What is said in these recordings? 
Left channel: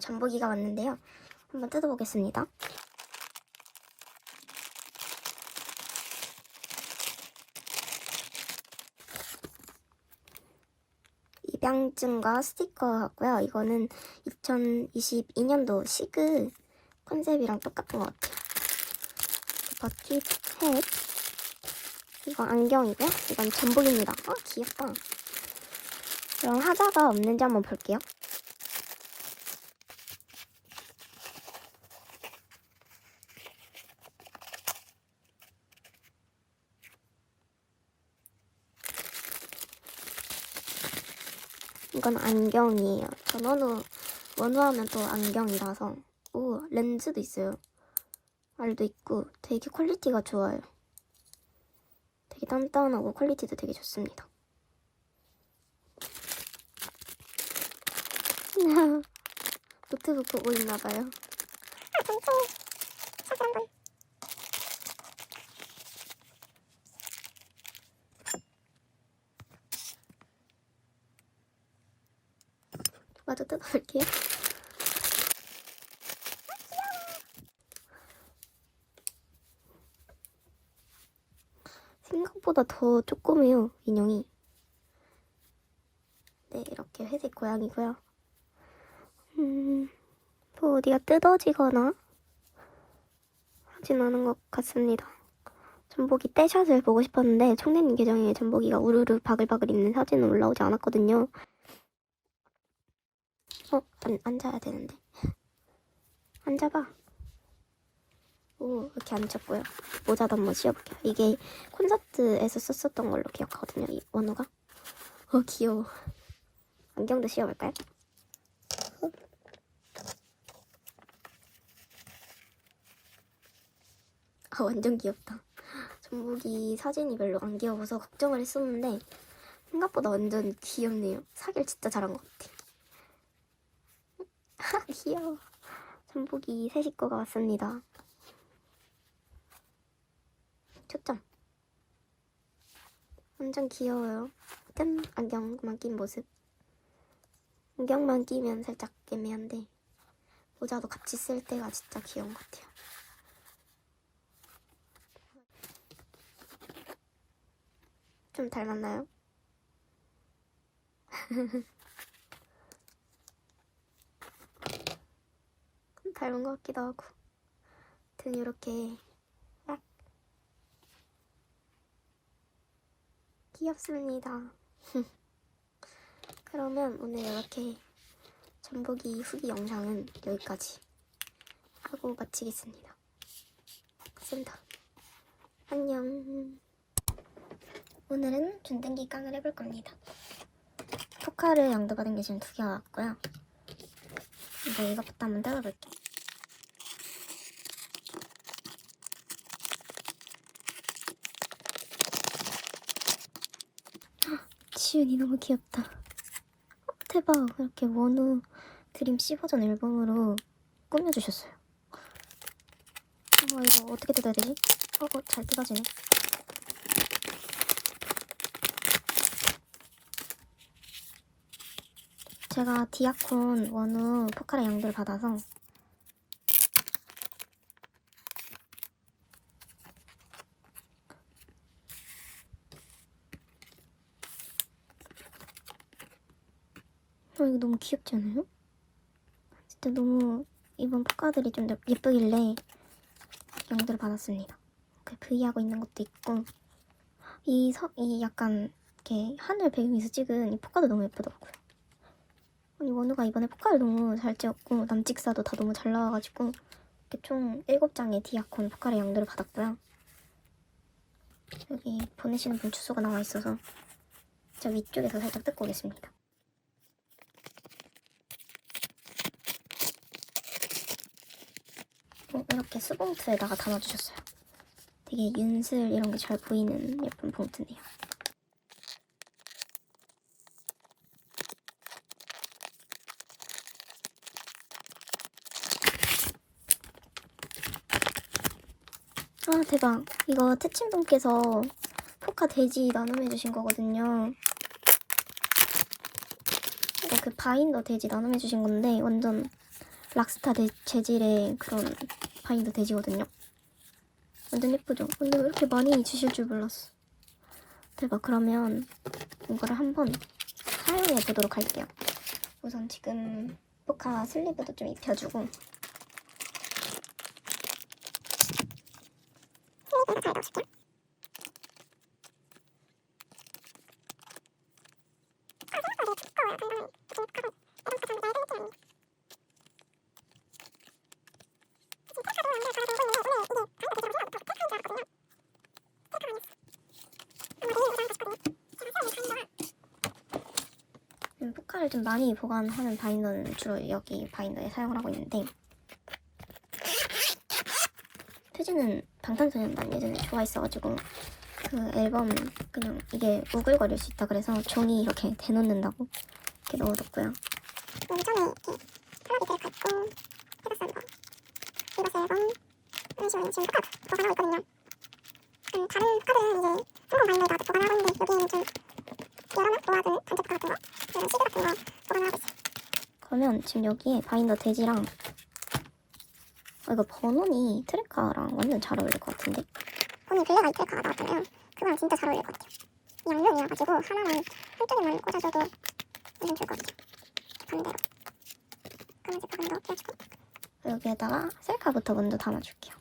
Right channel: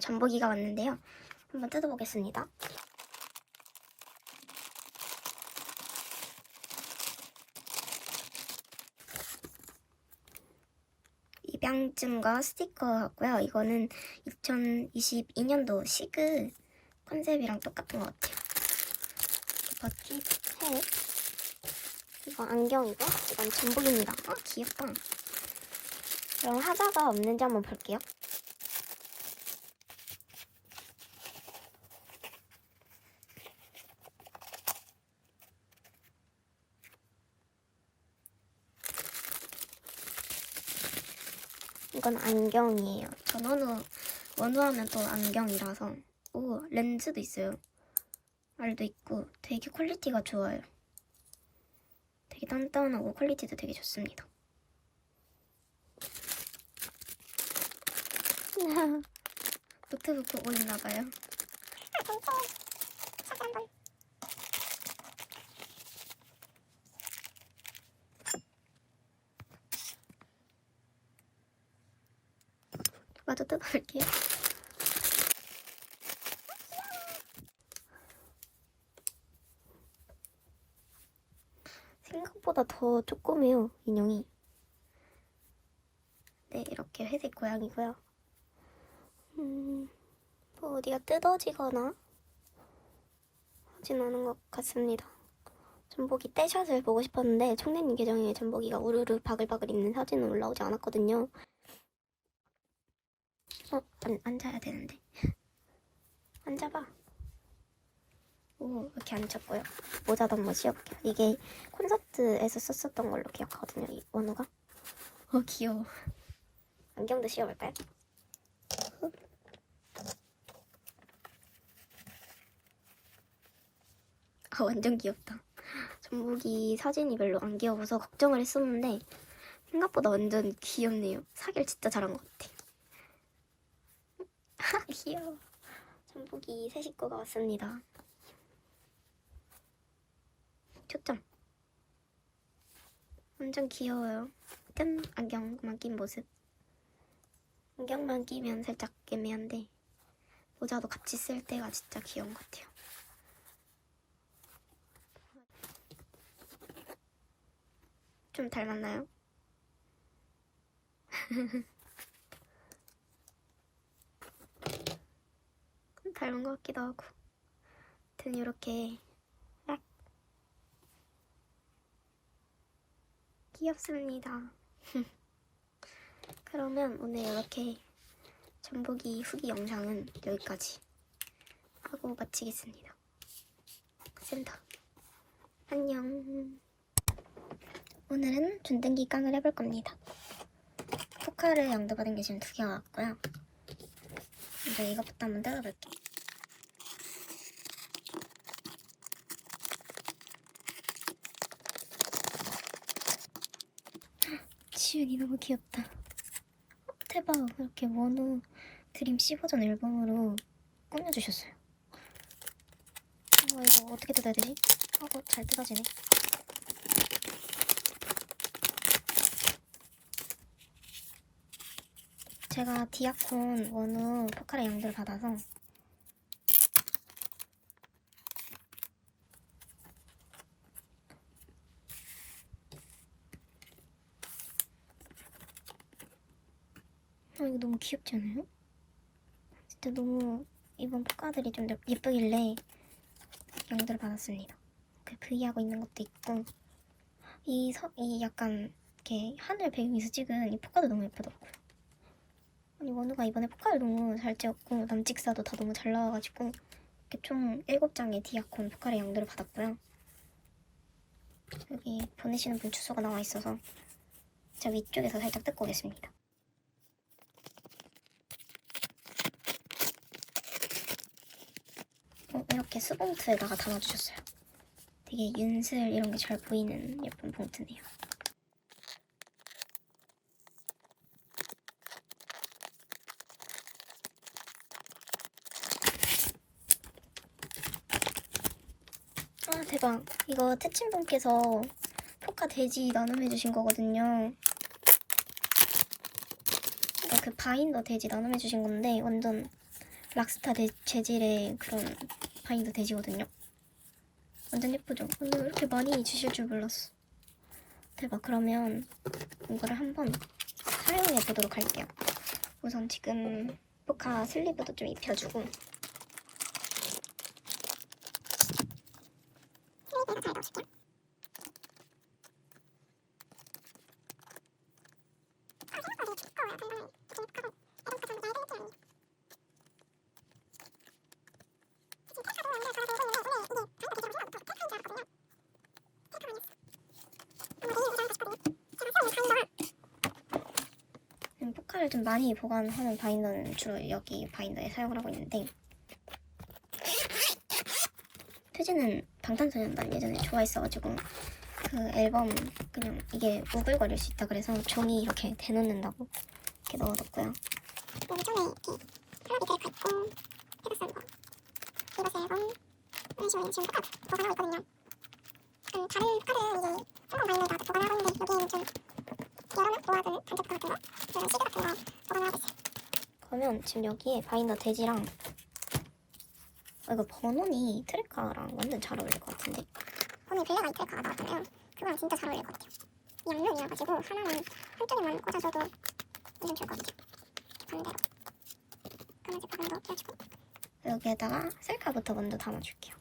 전보기가 왔는데요. 한번 뜯어보겠습니다. 입양증과 스티커 같고요. 이거는 2022년도 시그 컨셉이랑 똑같은 것 같아요. 바퀴 햇 이거 안경이고 이건 전복입니다. 어 귀엽다. 그럼 하자가 없는지 한번 볼게요. 이건 안경이에요. 전 원우, 원우하면 또 안경이라서. 오, 렌즈도 있어요. 알도 있고 되게 퀄리티가 좋아요. 되게 단단하고 퀄리티도 되게 좋습니다. 노트북 보고 있나봐요. 마저 뜯어볼게요. 생각보다 더 조그매요, 인형이. 네, 이렇게 회색 고양이고요. 음, 뭐 어디가 뜯어지거나 하진 않은 것 같습니다. 전복이 떼샷을 보고 싶었는데 청량님 계정에 전복이가 우르르 바글바글 있는 사진은 올라오지 않았거든요. 어, 난 앉아야 되는데. 앉아봐. 오, 이렇게 앉았고요. 모자도 한번 씌워볼게요. 이게 콘서트에서 썼었던 걸로 기억하거든요, 이 원호가. 어, 귀여워. 안경도 씌워볼까요? 어? 아, 완전 귀엽다. 전복이 사진이 별로 안 귀여워서 걱정을 했었는데, 생각보다 완전 귀엽네요. 사길 진짜 잘한 것 같아. 귀여워. 전복이 새 식구가 왔습니다. 초점. 완전 귀여워요. 짠! 안경만 낀 모습. 안경만 끼면 살짝 애매한데, 모자도 같이 쓸 때가 진짜 귀여운 것 같아요. 좀 닮았나요? 닮은 것 같기도 하고. 아무튼 이렇게 약 귀엽습니다. 그러면 오늘 이렇게 전복이 후기 영상은 여기까지 하고 마치겠습니다. 센터 안녕. 오늘은 준등기 깡을 해볼 겁니다. 포카를 양도받은 게 지금 두 개가 왔고요. 근데 이것부터 한번 뜯어볼게요. 지윤이 너무 귀엽다. 어, 대박. 이렇게 원우 드림 C 버전 앨범으로 꾸며주셨어요. 어, 이거 어떻게 뜯어야 되지? 어, 잘 뜯어지네. 제가 디아콘 원우 포카라 양도를 받아서 아, 이거 너무 귀엽지 않아요? 진짜 너무 이번 포카들이 좀 예쁘길래 양도를 받았습니다. 그 V하고 있는 것도 있고 이, 서, 이 약간 이렇게 하늘 배경에서 찍은 이 포카도 너무 예쁘더라고요. 아니 원우가 이번에 포카를 너무 잘 찍었고 남직사도 다 너무 잘 나와가지고 이렇게 총 7장의 디아콘 포카의 양도를 받았고요. 여기 보내시는 분 주소가 나와 있어서 제가 위쪽에서 살짝 뜯고 오겠습니다. 어, 이렇게 수봉투에다가 담아주셨어요. 되게 윤슬 이런 게 잘 보이는 예쁜 봉투네요. 아 대박 이거 태친분께서 포카 돼지 나눔해주신 거거든요 그 바인더 돼지 나눔해주신 건데 완전 락스타 대, 재질의 그런 바인더 돼지거든요. 완전 예쁘죠? 근데 왜 이렇게 많이 주실 줄 몰랐어. 대박. 그러면 이거를 한번 사용해 보도록 할게요. 우선 지금 포카 슬리브도 좀 입혀주고 음, 좀 많이 보관하는 바인더는 주로 여기 바인더에 사용을 하고 있는데 표지는 방탄소년단 예전에 좋아했어가지고 그 앨범 그냥 이게 우글거릴 수 있다 그래서 종이 이렇게 대놓는다고 이렇게 넣어뒀고요. 이렇게 클럽이 되게 밝고 해봤어요 이거 이거 앨범 이런 식으로 지금 똑같이 보관하고 있거든요 음, 다른 카드는 이제 중고 바인더에 나도 보관을 하는데 여기는 좀 여러 명 모아둔 포카 같은 거 그리고 시드 같은 거 보관을 하고 있어요 그러면 지금 여기에 바인더 돼지랑 어, 이거 번호니 트레카랑 완전 잘 어울릴 것 같은데 오늘 블랙 아이트가 나왔잖아요 그거랑 진짜 잘 어울릴 것 같아요 양면이어가지고 하나는 한쪽에만 꽂아줘도 완전 좋을 것 같아요 반대로 까만색 부분도 껴주고 여기에다가 셀카부터 먼저 담아줄게요.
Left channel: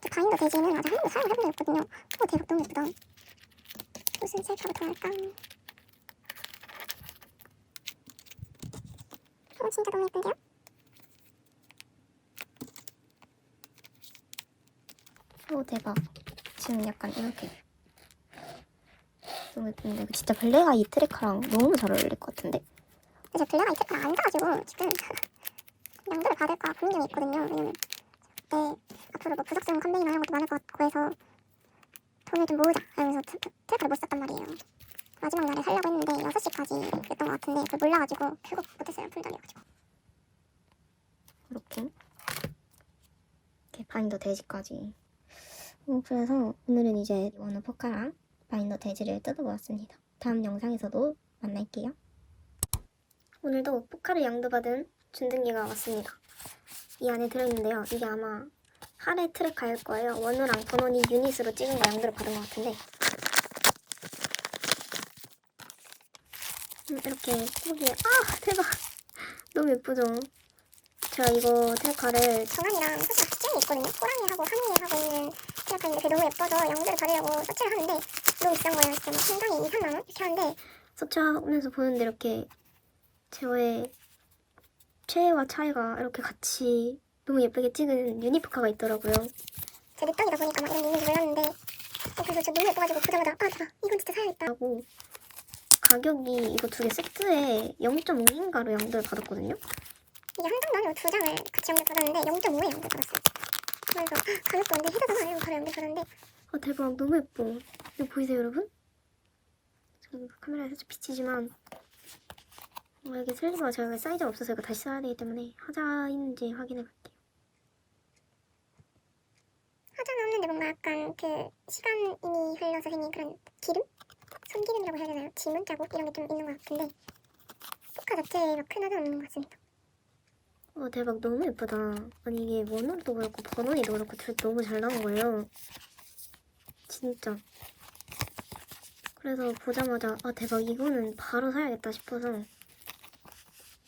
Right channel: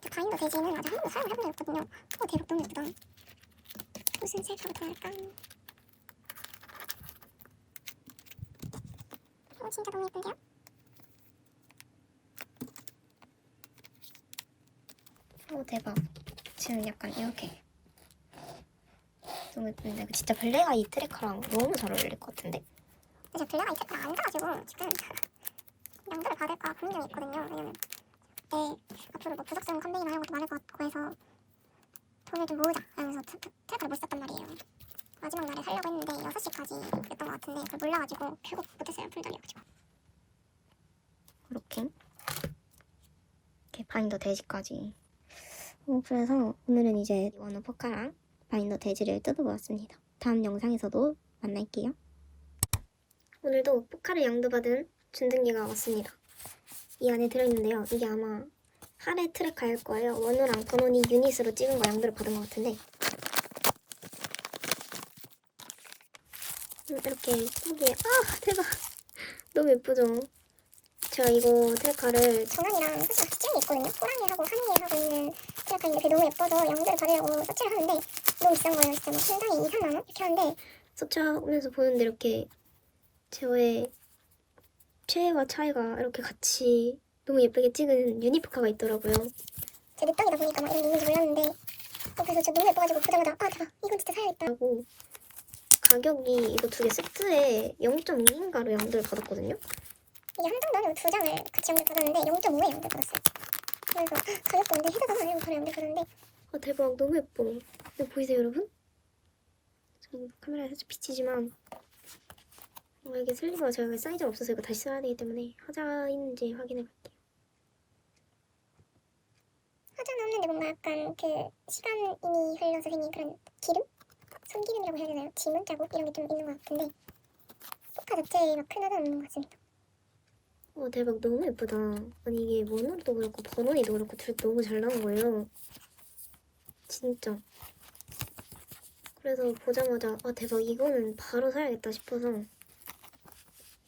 저 바인더 돼지는 아직 한 번도 사용을 해본 적이 없거든요. 오 대박 너무 예쁘다. 무슨 셀카부터 할까? 오 진짜 너무 예쁜데요? 오 대박. 지금 약간 이렇게 너무 예쁜데 이거 진짜 블랙아이 트레카랑 너무 잘 어울릴 것 같은데 이제 블랙아이 테크가 앉아가지고 지금 양도를 받을까 고민 중에 있거든요. 왜냐면 그때 앞으로 뭐 부적성 컴백이나 이런 것도 많을 것 같고 해서 돈을 좀 모으자 이러면서 트- 트- 트레카를 못 샀단 말이에요. 마지막 날에 살려고 했는데 6시까지 였던 것 같은데 그걸 몰라가지고 결국 못했어요. 풀덕이어가지고. 이렇게 이렇게 바인더 돼지까지. 어, 그래서 오늘은 이제 원우 포카랑 바인더 돼지를 뜯어보았습니다. 다음 영상에서도 만날게요. 오늘도 포카를 양도받은 준등기가 왔습니다. 이 안에 들어있는데요. 이게 아마 하레 트레카일 거예요. 원우랑 번원이 유닛으로 찍은 거 양도를 받은 것 같은데 음, 이렇게 여기에 아 대박 너무 예쁘죠? 제가 이거 트레카를 정한이랑 같이 찍은 게 있거든요. 호랑이하고 하늘이하고 있는 트레카인데 그게 너무 예뻐서 양도를 받으려고 서치를 하는데 너무 비싼 거예요. 막한 장에 2, 3만 원 이렇게 하는데 서치하면서 보는데 이렇게 저의 최애와 차이가 이렇게 같이 너무 예쁘게 찍은 유니포카가 있더라고요. 제 늦덩이다 보니까 막 이런 게 있는지 몰랐는데 어, 그래서 진짜 너무 예뻐가지고 보자마자 아 대박 이건 진짜 사야겠다. 하고 가격이 이거 두 개 세트에 0.5인가로 양도를 받았거든요. 이게 한 장도 아니고 두 장을 같이 연결 받았는데 0.5에 연결 받았어요. 그래서 아, 가격도 근데 해다가 이거 바로 연결 받았는데 아 대박 너무 예뻐. 이거 보이세요 여러분? 저 카메라에 살짝 비치지만 어, 여기 슬리브가 제가 사이즈가 없어서 이거 다시 써야 되기 때문에 하자 있는지 확인해 볼게요. 화장은 없는데 뭔가 약간 그 시간이 흘러서 생긴 그런 기름? 손기름이라고 해야 되나요? 지문 자국 이런 게 좀 있는 것 같은데 포카 자체에 막큰 화장은 없는 것 같습니다. 와 대박 너무 예쁘다. 아니 이게 원으로도 그렇고 번원이도 그렇고 둘 너무 잘 나온 거예요. 진짜. 그래서 보자마자 아 대박 이거는 바로 사야겠다 싶어서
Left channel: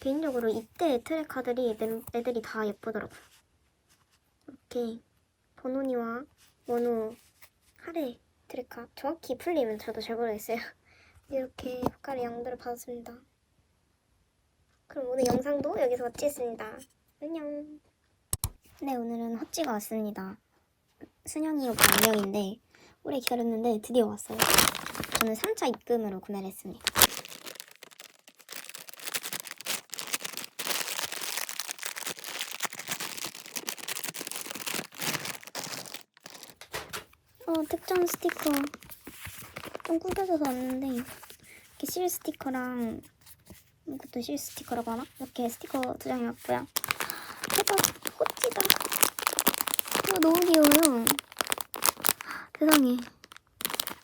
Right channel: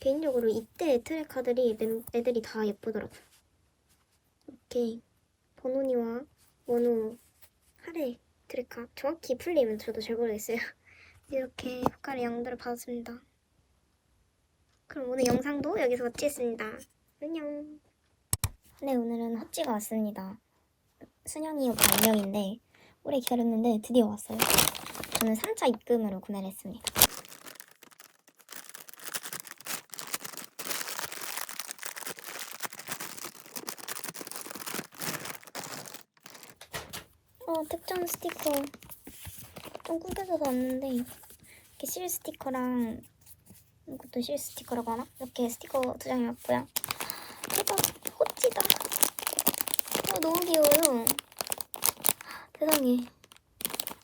개인적으로 이때 트랙 카들이 멤- 애들이 다 예쁘더라고요. 이렇게 번원이와 원우 하레 트랙카 정확히 풀리면 저도 잘 모르겠어요. 이렇게 효과를 양도를 받았습니다. 그럼 오늘 영상도 여기서 마치겠습니다. 안녕. 네, 오늘은 헛지가 왔습니다. 순영이 오빠 안녕인데 오래 기다렸는데 드디어 왔어요. 저는 3차 입금으로 구매를 했습니다. 어, 특전 스티커 좀 구겨져서 왔는데 이렇게 실 스티커랑 이것도 실 스티커라고 하나? 이렇게 스티커 두 장이 왔고요. 대박, 호찌다. 와, 너무 귀여워요. 세상에.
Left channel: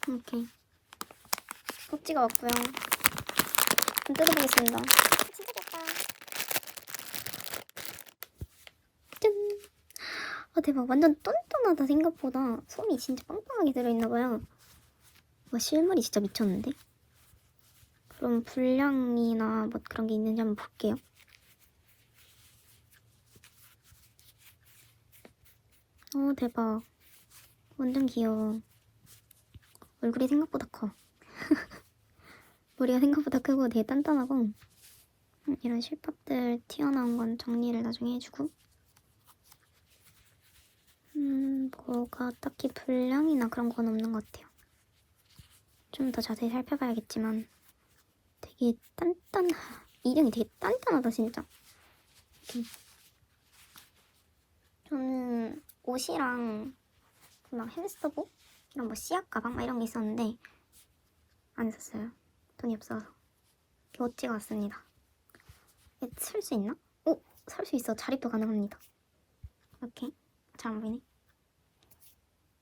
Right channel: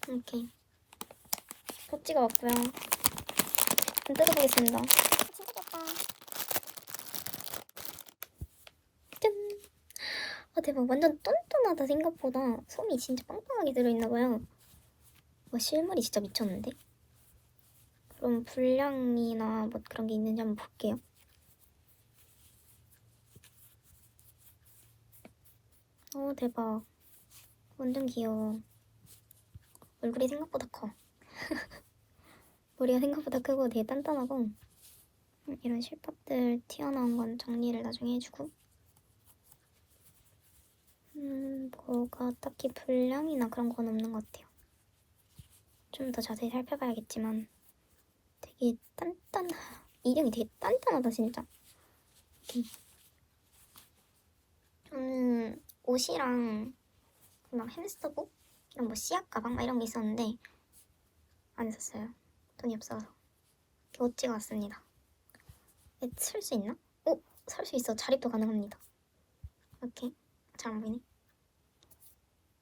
이렇게. 호찌가 왔고요. 좀 뜯어보겠습니다. 진짜 귀엽다. 대박 완전 똔똔하다 생각보다 솜이 진짜 빵빵하게 들어있나봐요 와 실물이 진짜 미쳤는데? 그럼 불량이나 뭐 그런 게 있는지 한번 볼게요. 어 대박. 완전 귀여워. 얼굴이 생각보다 커. 머리가 생각보다 크고 되게 단단하고 음, 이런 실밥들 튀어나온 건 정리를 나중에 해주고. 음 뭐가 딱히 불량이나 그런 건 없는 것 같아요 좀 더 자세히 살펴봐야겠지만 되게 단단 이름이 되게 단단하다 진짜. 저는 옷이랑 막 햄스터복 이런 뭐 씨앗 가방 막 이런 게 있었는데 안 샀어요. 돈이 없어서. 못 찍어왔습니다. 살 수 있나? 오! 살 수 있어. 자립도 가능합니다. 이렇게. 잘 안 보이네.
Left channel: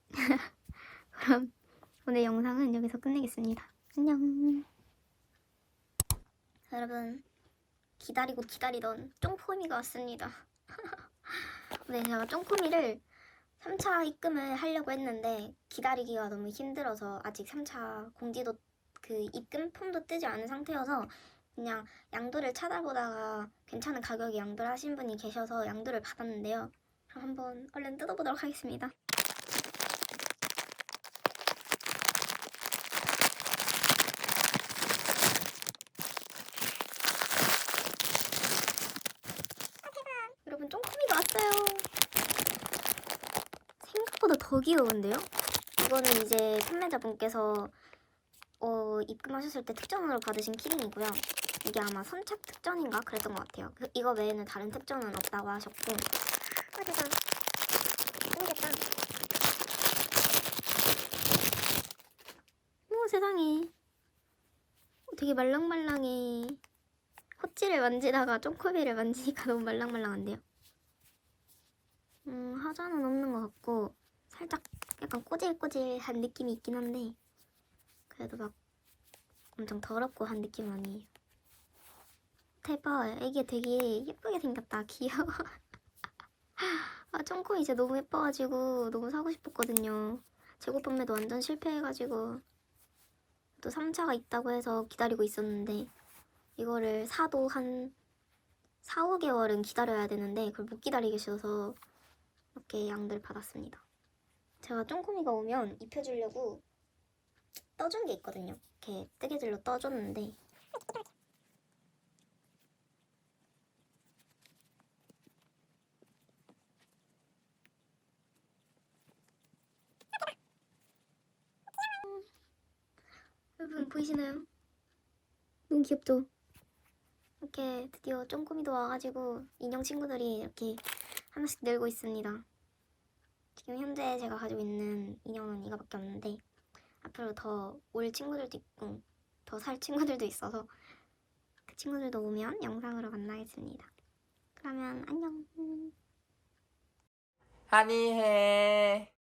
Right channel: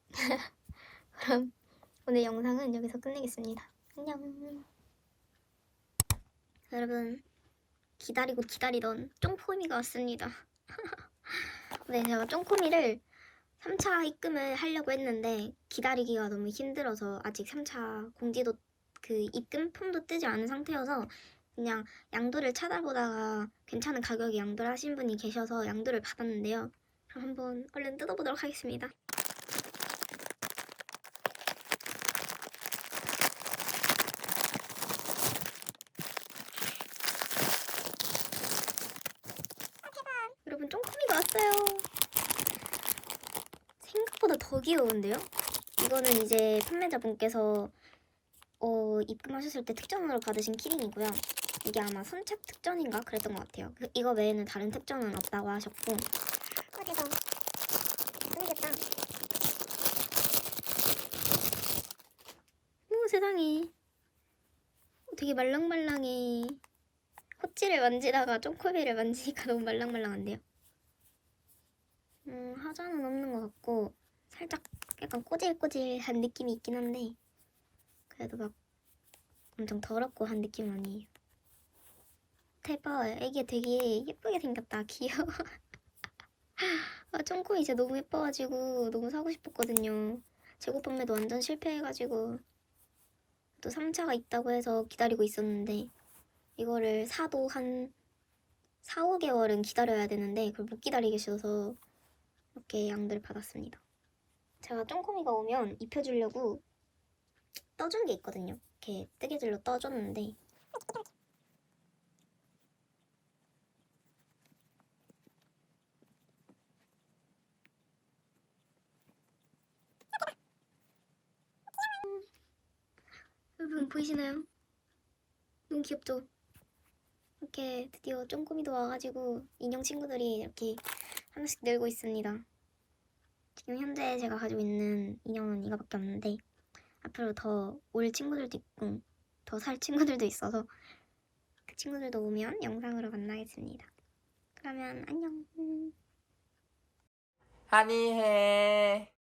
그럼 오늘 영상은 여기서 끝내겠습니다 안녕 여러분 기다리고 기다리던 쫑포미가 왔습니다 네 제가 쫑포미를 3차 입금을 하려고 했는데 기다리기가 너무 힘들어서 아직 3차 공지도 그 입금 폼도 뜨지 않은 상태여서 그냥 양도를 찾아보다가 괜찮은 가격에 양도를 하신 분이 계셔서 양도를 받았는데요. 그럼 한번 얼른 뜯어보도록 하겠습니다. 여러분 쫑코미가 왔어요. 생각보다 더 귀여운데요? 이거는 이제 판매자분께서 어, 입금하셨을 때 특전으로 받으신 키링이고요. 이게 아마 선착 특전인가 그랬던 것 같아요. 그- 이거 외에는 다른 특전은 없다고 하셨고 어 대박. 귀엽다. 오 세상에 어, 되게 말랑말랑해 호찌를 만지다가 쪼코비를 만지니까 너무 말랑말랑한데요 음 하자는 없는 것 같고 살짝 약간 꼬질꼬질한 느낌이 있긴 한데 그래도 막 엄청 더럽고 한 느낌은 아니에요. 대박. 애기 되게 예쁘게 생겼다. 귀여워. 아 쫑코이 진짜 너무 예뻐가지고 너무 사고 싶었거든요. 재고 판매도 완전 실패해가지고 또 3차가 있다고 해서 기다리고 있었는데 이거를 사도 한 4, 5개월은 기다려야 되는데 그걸 못 기다리겠어서 이렇게 양도를 받았습니다. 제가 쫑코미가 오면 입혀주려고 떠준 게 있거든요. 이렇게 뜨개질로 떠줬는데 여러분 보이시나요? 너무 귀엽죠? 이렇게 드디어 쫑꾸미도 와가지고 인형 친구들이 이렇게 하나씩 늘고 있습니다. 지금 현재 제가 가지고 있는 인형은 이거밖에 없는데 앞으로 더 올 친구들도 있고 더 살 친구들도 있어서 그 친구들도 오면 영상으로 만나겠습니다. 그러면 안녕. 한이해